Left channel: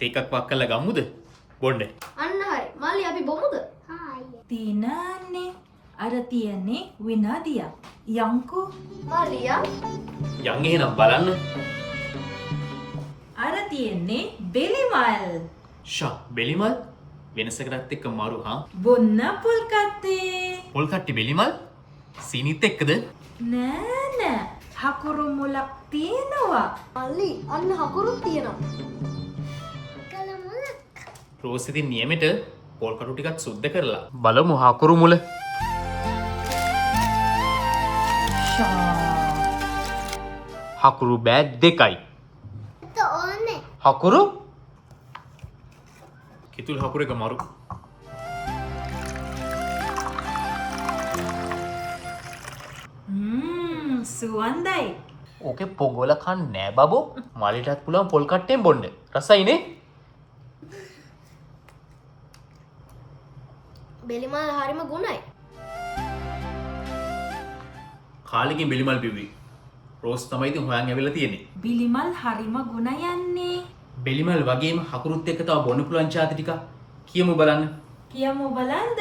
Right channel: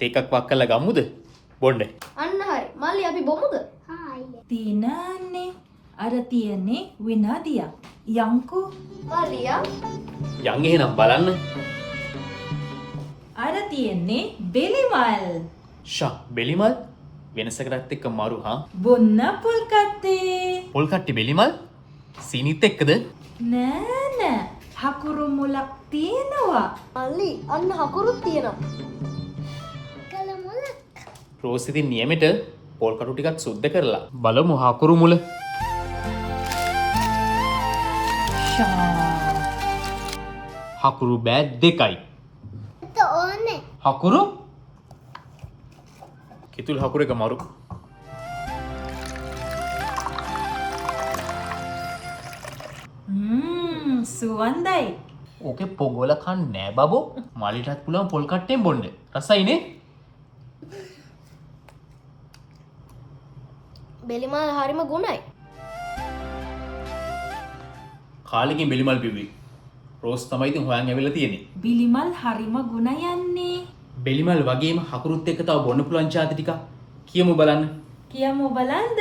තේකක් වක් කරලා ගමුද? බොන්න. අන්න හරි. මල්ලි අපි බොමුද? තියනන්නේ අර තියන්නේ විනාදියක්. යංකෝ හරියා. යන් එහෙනම් බලන්න. අර තියන්නේ බෙලිමල්. ෂා බෙලිමල් වෙනසකටත් එක්ක මරු හා. බොන්න පොල් කත්තේ. පොල් කට්ටි බෙලිමල් සීනිත් එක්කද? නෑ නෑ හකුරු මුලක් තියෙනවා. මල්ලි අන්න හකුරුත් තියෙනවා. රෝස් ඉතින් නියමෙට පොල් කටු ටිකක් සුද්ධ කරලා බලමු හකුරු මුල. හකුරු බෑ දෙකයි. හකුරු කිතුල් හකුර එක මරු. සුවන්දයි. ඕකේ පොගොල කන්න නෑ බබෝ. මාලිටත් පුළුවන් පොල් කට්ටෙන් බොන්න. රසයිනේ. බෙලිමල් හරිම ගුණයි. කාලෙකින් බෙලිමල් බිව්වේ. රෝස් තමයි ඉතින් හොයන් ඇවිල්ලා තියෙන්නේ. බිලිමල් හරිම ගුණ යන්නේ. බෙලිමල් වගේම හකුරුත් එක්ක තව බොන්න පුළුවන් චාති ටික කියමු බලන්න. කියමු බලන්ද.